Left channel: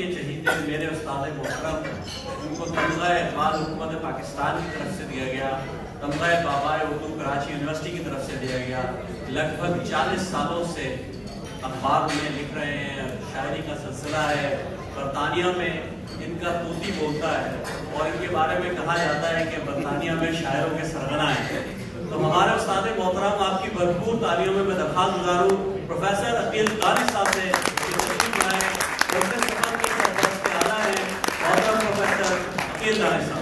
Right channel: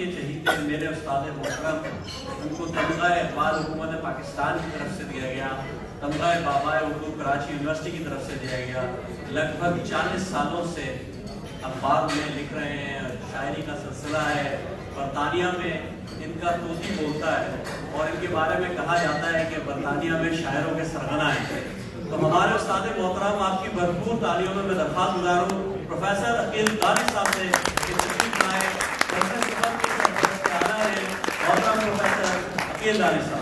کے چہیتے میرے استاد محترم، ان کو تمغہ اقبال حکومت پاکستان کی طرف سے دیا گیا، تمغہ بابا اردو کراچی یونیورسٹی کی طرف سے دیا گیا۔ لگ بھگ 40 سالوں سے اخبار میں لکھ رہے ہیں، شاعری کا سلسلہ ہے۔ برطانیہ میں ان کا طوطی بولتا ہے اور ان کے بارے میں کہا جاتا ہے کہ برطانیہ میں شاعروں کے سرغنہ ہیں۔ تو ہمارے استاد محترم آپ کی بھرپور تعلیموں میں درخواست گزاروں پروفیسر عقیل قاری صاحب سے تشریف لائیں۔ پروفیسر عقیل قاری صاحب۔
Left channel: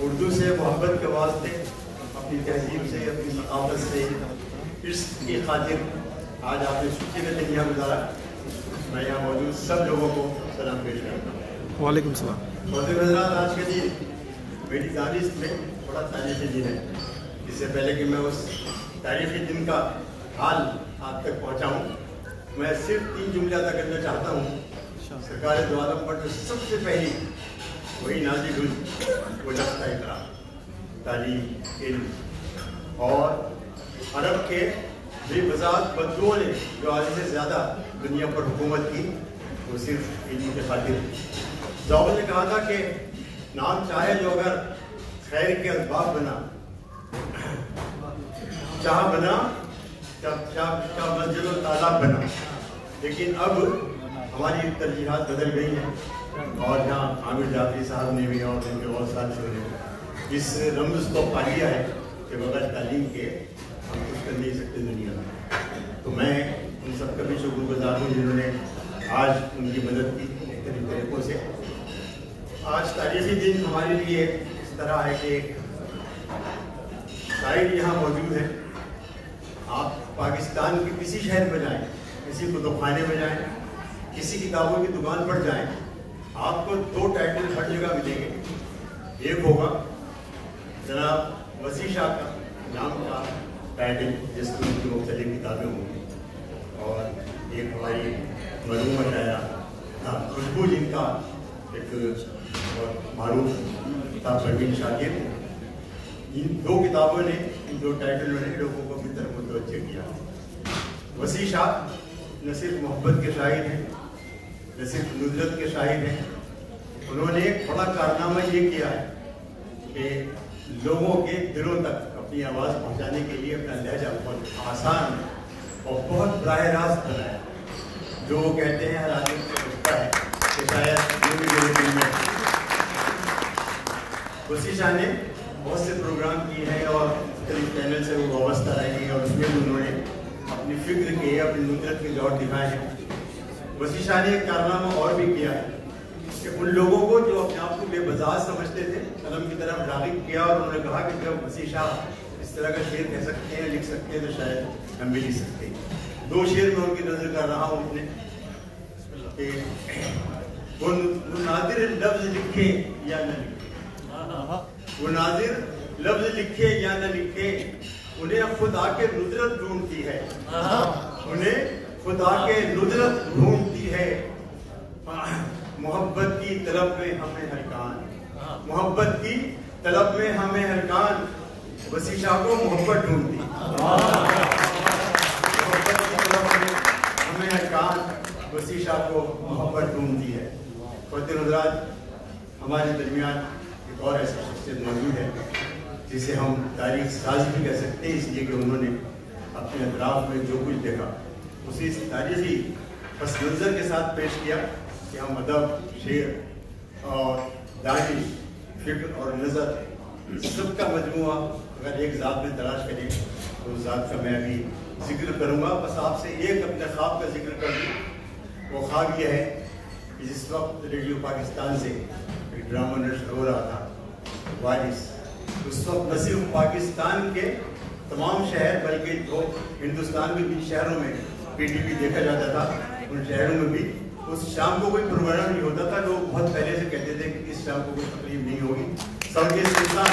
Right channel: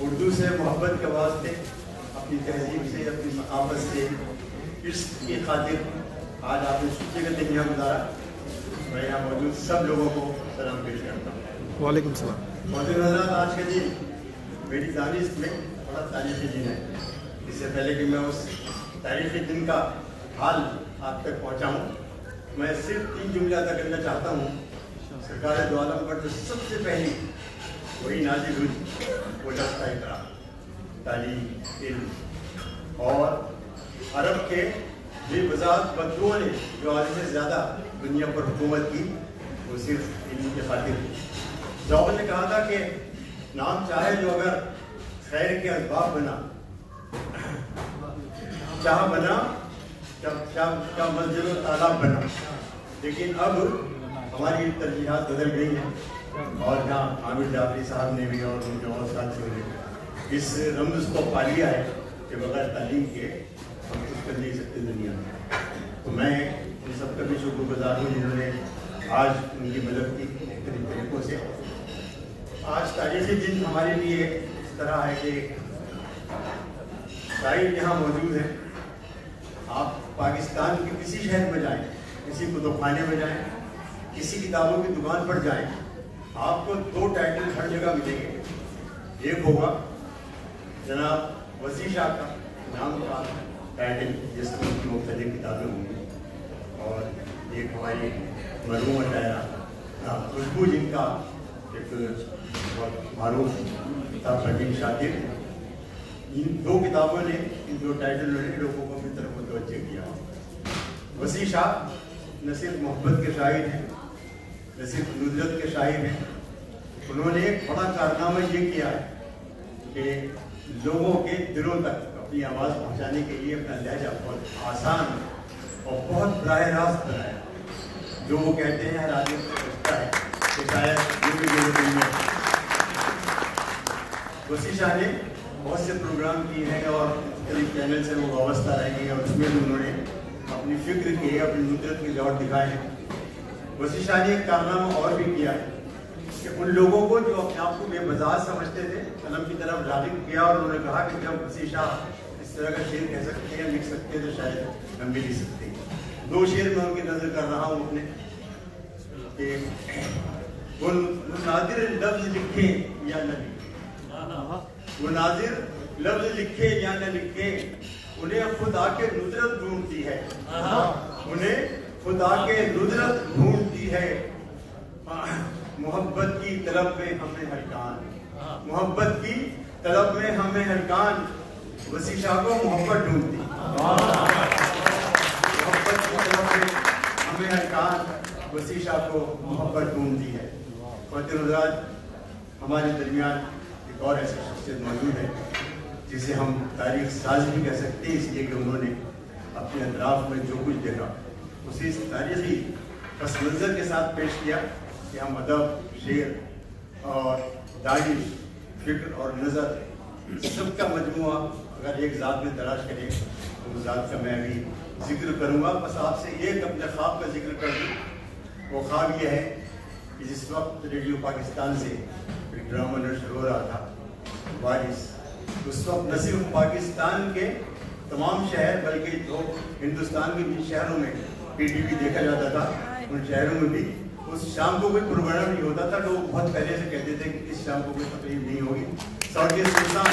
اردو سے محبت کے واسطے، اپنی تہذیب سے، اپنی ثقافت سے، عشق کی خاطر آج آپ نے چھٹی کا تہیا گزارا۔ میں یہاں موجود سب لوگوں کو سلام پیش کرتا ہوں۔ وعلیکم السلام۔ محترم حضرات، آج کے دن میری دانش میں بڑا تاریخی دن ہے۔ اس سے پہلے کہ میں اس تاریخی دن کا حال آپ تک پہنچاؤں، میں صرف 3 جملے ادا کرنا چاہتا ہوں۔ سرکار دو عالم پر جو سب سے پہلی وہی نازل ہوئی وہ لفظ کا اقرار، تعلیم، علم، اور عرب کے بے وضاحت بدلوں نے جو آدھے سے زیادہ دنیا پر حکومت کی وہ صرف علم کے خاطر۔ ذوق نے کہا تھا کہ نام چاہے جو اگر خیر کے اسباب بنا، چاہ بنا، مسجد و تالاب بنا، لیکن اب ہماری ترجیحات بدل گئی ہیں، اور جہاں عامر جعفری صاحب نے بھی اور ان کے بہت ساتھیوں نے اس رمز کو پا لیا ہے کہ بغیر تعلیم کے ہم کچھ کر نہیں سکتے دنیا میں۔ تو میں ان سب کا بھی شکر گزار ہوں جنہوں نے آج ان کی مدد کی مختلف طریقوں سے۔ آج تاریخی دن ہمارے لیے اس طرح ہے کہ شاعر یہاں موجود ہے۔ آپ پاکستان کے کسی شہر میں جائیں، کسی کتب خانے میں جائیں، کسی کتابوں کی دکان پر جائیں، آپ کو 2 ٹائٹل ہر جگہ ملیں گے۔ ایک ہوگا جناب وسیع شاہ کا نام کا ٹائٹل جس میں ان کی مختلف کتابیں ہوں گی، اور ایک ہماری مرحوم خوشبو جن کا ایک معروف کتاب پروین شاکر، ان 2 کتابوں نے، ان 2 ٹائٹلوں نے لوگوں کو اپنی طرف متوجہ کیا۔ وسیع شاہ نہ صرف محبت کے شاعر ہیں، نہ صرف ندرت کے شاعر ہیں، انہوں نے ایک بڑا کارنامہ یہ کیا ہے کہ لوگوں کے دلوں تک اپنی آواز پہنچانے کے لیے اپنا لہجہ بہت آسان اور بہت براہ راست بنایا۔ جو وہ کہتے ہیں ہر آدمی کو سمجھتا ہے کہ شاید یہ بھی میرے دل میں۔ وسیع شاہ نے بہت سے پروگرام کیے ہیں اور مختلف چینل سے وہ وابستہ رہے ہیں، اور اس میں بھی انہوں نے اپنی فکر کے، اپنی ندرت کے جوڑ دکھائے ہیں۔ وسیع شاہ نے ایک کارنامہ اور بھی کیا ہے کہ ان لوگوں کو جو اپنے آپ کو بے بزاز سمجھتے تھے قلم کی طرف راغب کیا، اور انہوں نے کہا کہ جب وسیع شاہ اس طرح کا شعر کہہ سکتے ہیں، لکھ سکتے ہیں، تو شاید ہم بھی لکھ سکتے ہیں۔ 2 شعر میں ان کی نظر کر رہا ہوں اپنے کہ وہ نادر لفظ لکھے یا نہ لکھے، وہ نادر لفظ لکھے یا نہ لکھے، انہیں خدا کے ندرت ڈھونڈتی ہے، انہیں خدا کے ندرت ڈھونڈتی ہے۔ محبت کی طلب میں ہمیں ہلکان، محبت کی طلب میں ہمیں ہلکان، وسیع شاہ کو محبت ڈھونڈتی، محبت کی طلب میں ہمیں ہلکان، وسیع شاہ کو محبت ڈھونڈتی ہے۔ خواتین حضرات، ہمارے درمیان ایک اور ایسی شخصیت موجود ہے جسے ہم تاریخ ساز بھی کہہ سکتے ہیں، اس لیے کہ انہوں نے اپنے اطراف میں جو کچھ دیکھا اسی تاریخی پس منظر کے ساتھ پیش کیا کہ ہم ادب، شعر اور دانش، فکر اور نظر سب کا مجموعہ اگر ایک ذات میں تلاش کریں تو اس ذات کا میں بھی ذکر کروں گا۔ بس آپ سے ایک اپنے خواب کا ذکر کر دوں۔ وہ خواب یہ ہے کہ جس وقت ریڈیو پاکستان سے ایک ڈرامہ نشر ہو رہا تھا وارث، اس وقت نہ صرف پاکستان کے تمام شہر بلکہ جو ہندوستان کے جن شہروں میں پی ٹی وی دیکھا جاتا تھا ان شہروں میں بھی اس شام کو کوئی پروگرام نہیں ہوتا تھا۔ لوگ بہت پہلے سے کہتے تھے کہ اس شام کو کوئی تقریب نہیں ہوگی، سب کے سلطان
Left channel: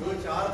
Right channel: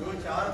2-4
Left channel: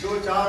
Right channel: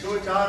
2-4